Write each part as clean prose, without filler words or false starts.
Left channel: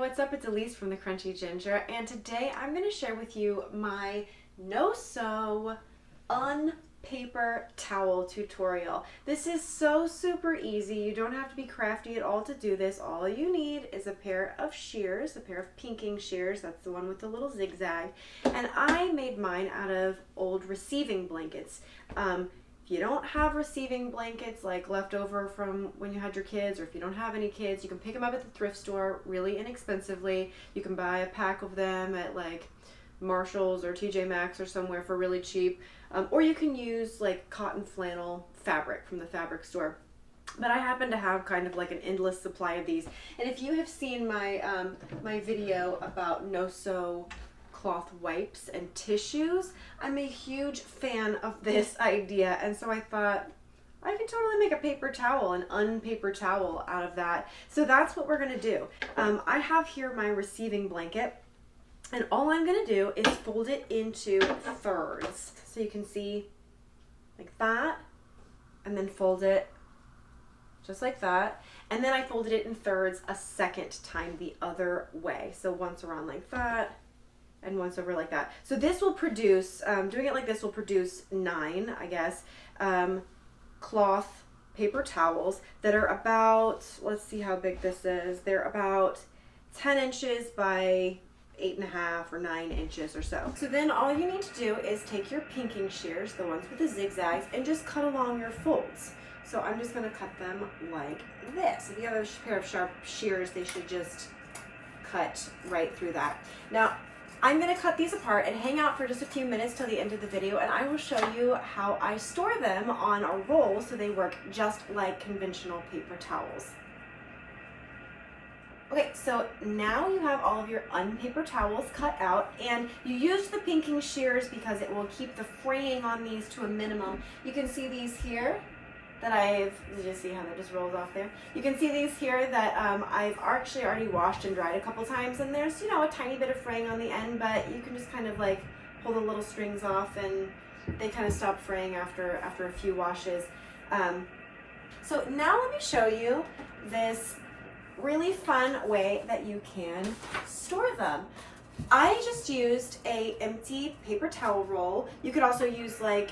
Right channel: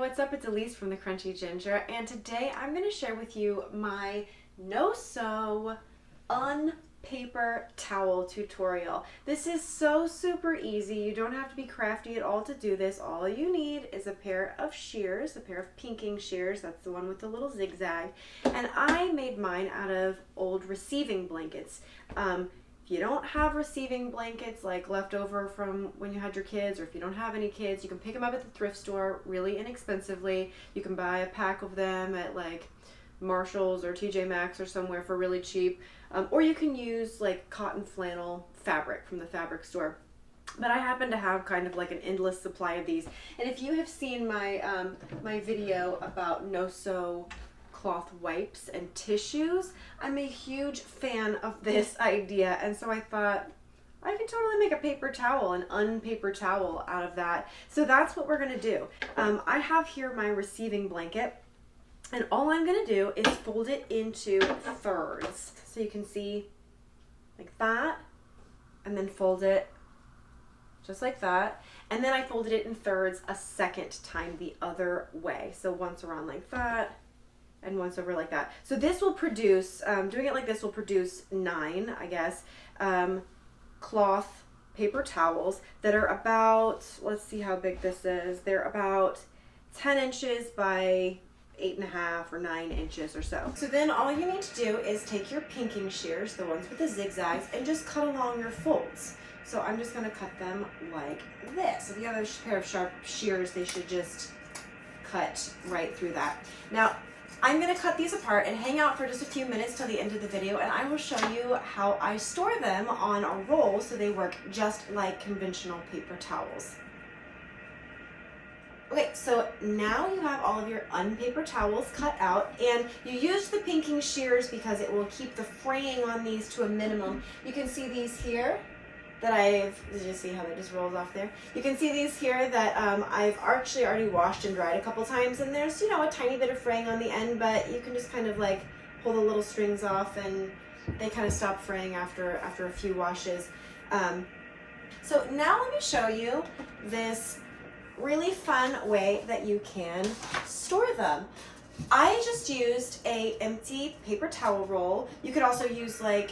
what's up? It's Elise from the Crunchy Ginger, and today I'm going to share with you my no-sew un-paper towel tutorial. This is so super easy. You don't have to be crafty at all to do this. All you need is a pair of shears, a pair of pinking shears. That's the one with the little zigzag. And I made mine out of old receiving blankets. If you don't have receiving blankets like left over from when you had your kids, or if you don't have any kids, you can pick them up at the thrift store really inexpensively. You can buy a pack of them at like Marshall's or TJ Maxx or somewhere for really cheap. Or you can use like cotton flannel fabric from the fabric store. But I happen to have kind of like an endless supply of these. And if you have seen my my video about no-sew cloth wipes and tissues, I'm a huge fan of this idea, and so I thought I can totally make a paper towel, an un-paper towel out of that. So that's what we're gonna do. I have here my receiving blanket, and all I'm gonna do is fold it into thirds. So you can see like that, and then fold it just like that. And then I folded it in thirds a second time the other way. So once around like that, and once over like that. So this will produce, doing it like this will produce 9, I guess, cloth paper towels that are about, let's see how big this is. They're about 10 inches by 8.5 or 9 inches or so. So then all you need to do is take your pinking shears, the ones with the zigzags, and just cut along your folds. So I'm just gonna cut them like this. If you have a pair of sharp shears, they should just cut right through that. Now, I'm going to cut these apart and hang out for just a few minutes till the end of the video, and I will show you how I store them on a roll so they work just like conventional paper towels. Okay, so now you have all of your un-paper towels cut out, and you use the pinking shears because it will keep the fraying on these to a minimum. You can see these here that did you see how that just rolls off there? You can see these here that I've actually already washed and dried a couple times, and there's, you know, a tiny bit of fraying on the end, but you can just kind of like pull the little strings off and they kind of stop fraying after a few washes. So now let me show you this really fun way that you can store them. I just used a empty paper towel roll. You could also use like,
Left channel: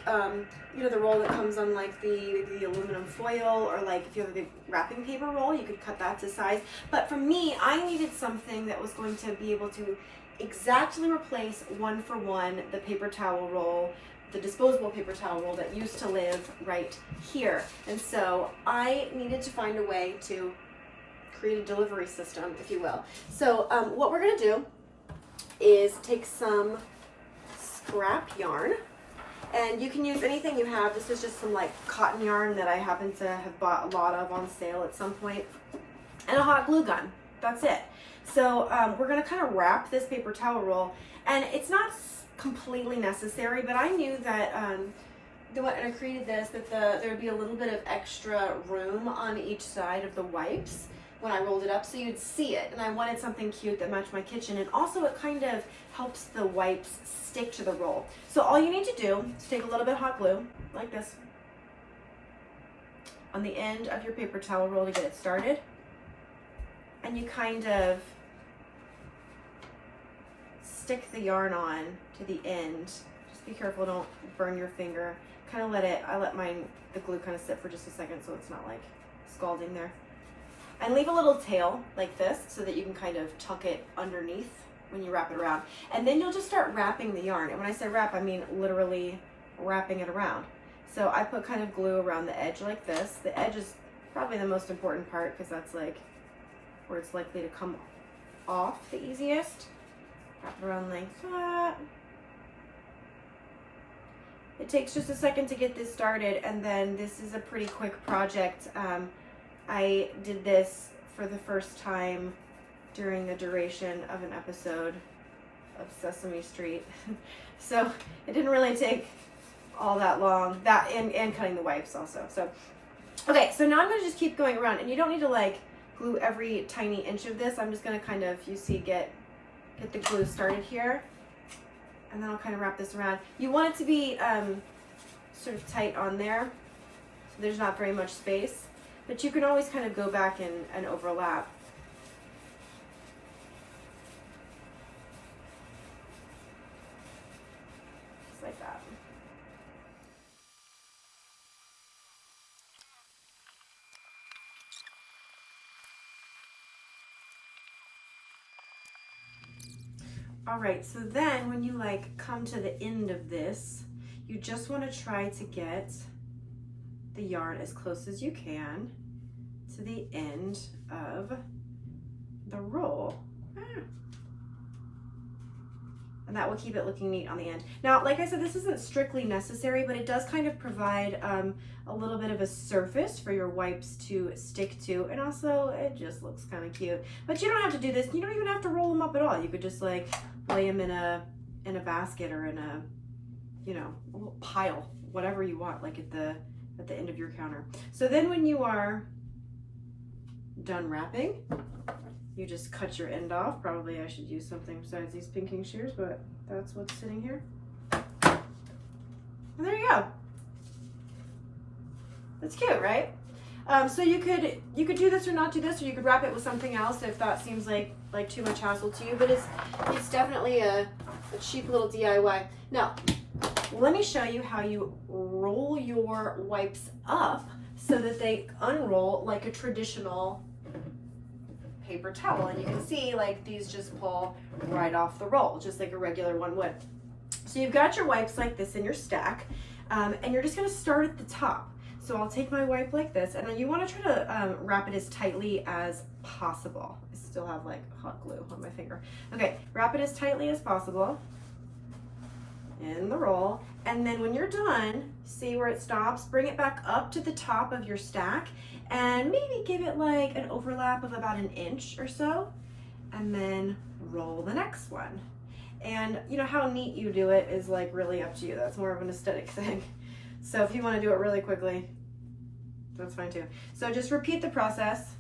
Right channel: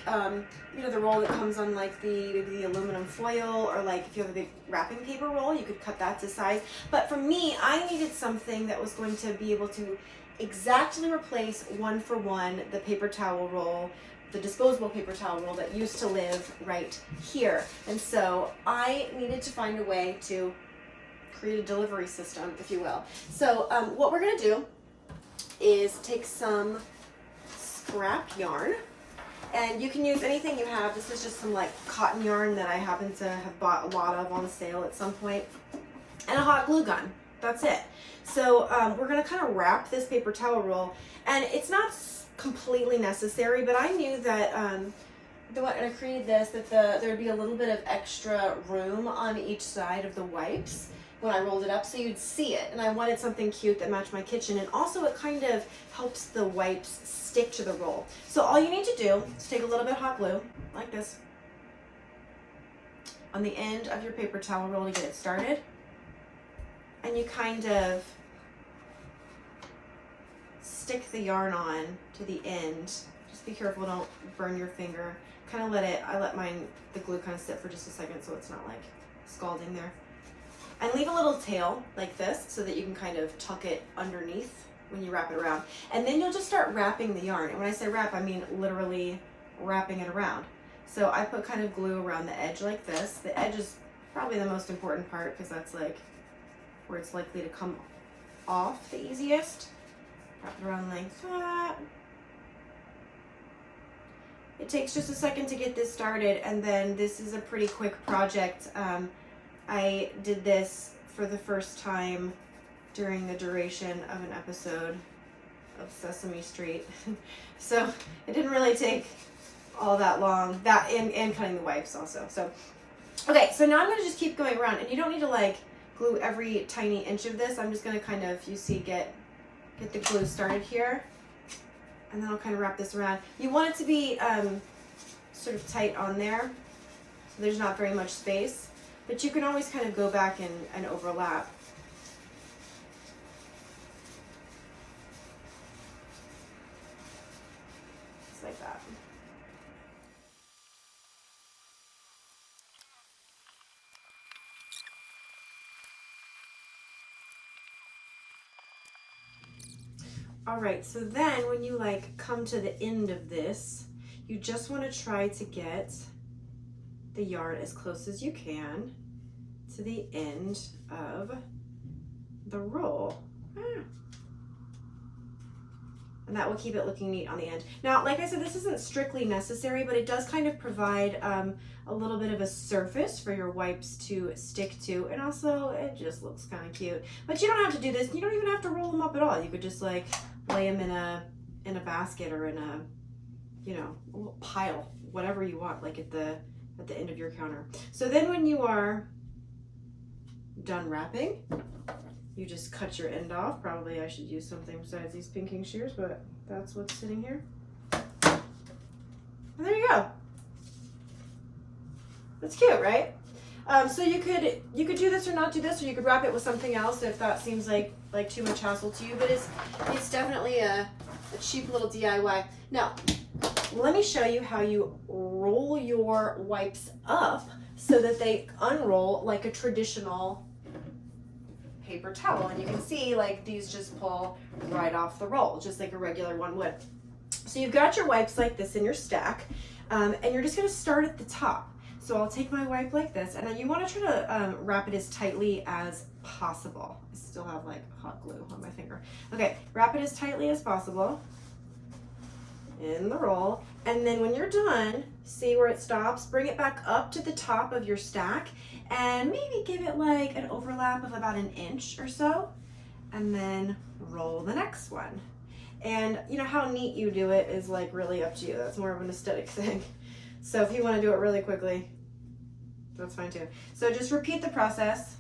you know, the roll that comes on like the aluminum foil, or like if you have a big wrapping paper roll, you could cut that to size. But for me, I needed something that was going to be able to exactly replace 1-for-1 the paper towel roll, the disposable paper towel roll that used to live right here. And so I needed to find a way to create a delivery system, if you will. So what we're gonna do is take some scrap yarn, and you can use anything you have. This is just some like cotton yarn that I happen to have bought a lot of on sale at some point, and a hot glue gun. That's it. So we're gonna kind of wrap this paper towel roll, and it's not completely necessary, but I knew that when I created this, that there'd be a little bit of extra room on each side of the wipes when I rolled it up, so you'd see it. And I wanted something cute that matched my kitchen, and also it kind of helps the wipes stick to the roll. So all you need to do is take a little bit of hot glue, like this, on the end of your paper towel roll to get it started. And you kind of stick the yarn on to the end. Just be careful, don't burn your finger. Kind of I let the glue kind of sit for just a second so it's not like scalding there. And leave a little tail like this so that you can kind of tuck it underneath when you wrap it around. And then you'll just start wrapping the yarn. And when I say wrap, I mean literally wrapping it around. So I put kind of glue around the edge like this. The edge is probably the most important part because that's like where it's likely to come off the easiest. Wrap it around like that. It takes just a second to get this started, and then this is a pretty quick project. I did this for the first time during the duration of an episode of Sesame Street. So it didn't really take all that long, that and cutting the wipes also. So, okay, so now I'm gonna just keep going around, and you don't need to like glue every tiny inch of this. I'm just gonna kind of, you see, get the glue started here, and then I'll kind of wrap this around. You want it to be sort of tight on there, so there's not very much space. But you can always kind of go back and overlap. All right, so then when you like come to the end of this, you just want to try to get the yarn as close as you can to the end of the roll. And that will keep it looking neat on the end. Now, like I said, this isn't strictly necessary, but it does kind of provide a little bit of a surface for your wipes to stick to, and also it just looks kind of cute. But you don't have to do this. You don't even have to roll them up at all. You could just like lay them in a basket or in a, you know, a little pile, whatever you want, like at the end of your counter. So then when you are done wrapping, you just cut your end off. Probably I should use something besides these pinking shears, but that's what's sitting here. And there you go. That's cute, right? So you could do this or not do this, or you could wrap it with something else if that seems like too much hassle to you. But it's definitely a cheap little DIY. Now, let me show you how you roll your wipes up so that they unroll like a traditional paper towel. And you can see like these just pull right off the roll, just like a regular one would. So you've got your wipes like this in your stack, and you're just gonna start at the top. So I'll take my wipe like this, and then you want to try to wrap it as tightly as possible. I still have like hot glue on my finger. Okay, wrap it as tightly as possible in the roll, and then when you're done, see where it stops, bring it back up to the top of your stack, and maybe give it like an overlap of about 1 inch or so, and then roll the next one. And you know, how neat you do it is like really up to you. That's more of an aesthetic thing. So if you want to do it really quickly, that's fine too. So just repeat the process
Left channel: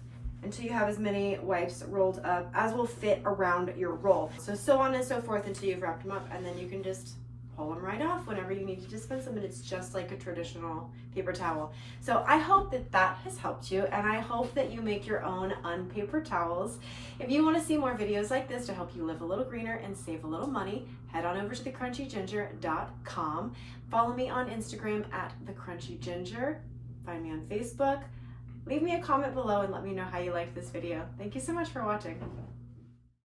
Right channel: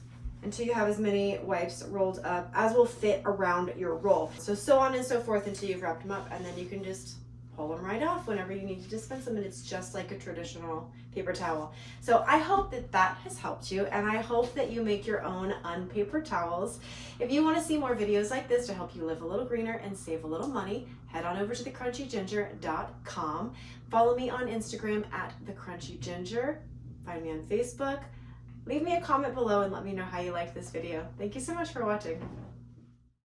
until you have as many wipes rolled up as will fit around your roll. So on and so forth until you've wrapped them up, and then you can just pull them right off whenever you need to dispense them, and it's just like a traditional paper towel. So I hope that that has helped you, and I hope that you make your own unpaper towels. If you want to see more videos like this to help you live a little greener and save a little money, head on over to thecrunchyginger.com. Follow me on Instagram at thecrunchyginger. Find me on Facebook. Leave me a comment below and let me know how you liked this video. Thank you so much for watching.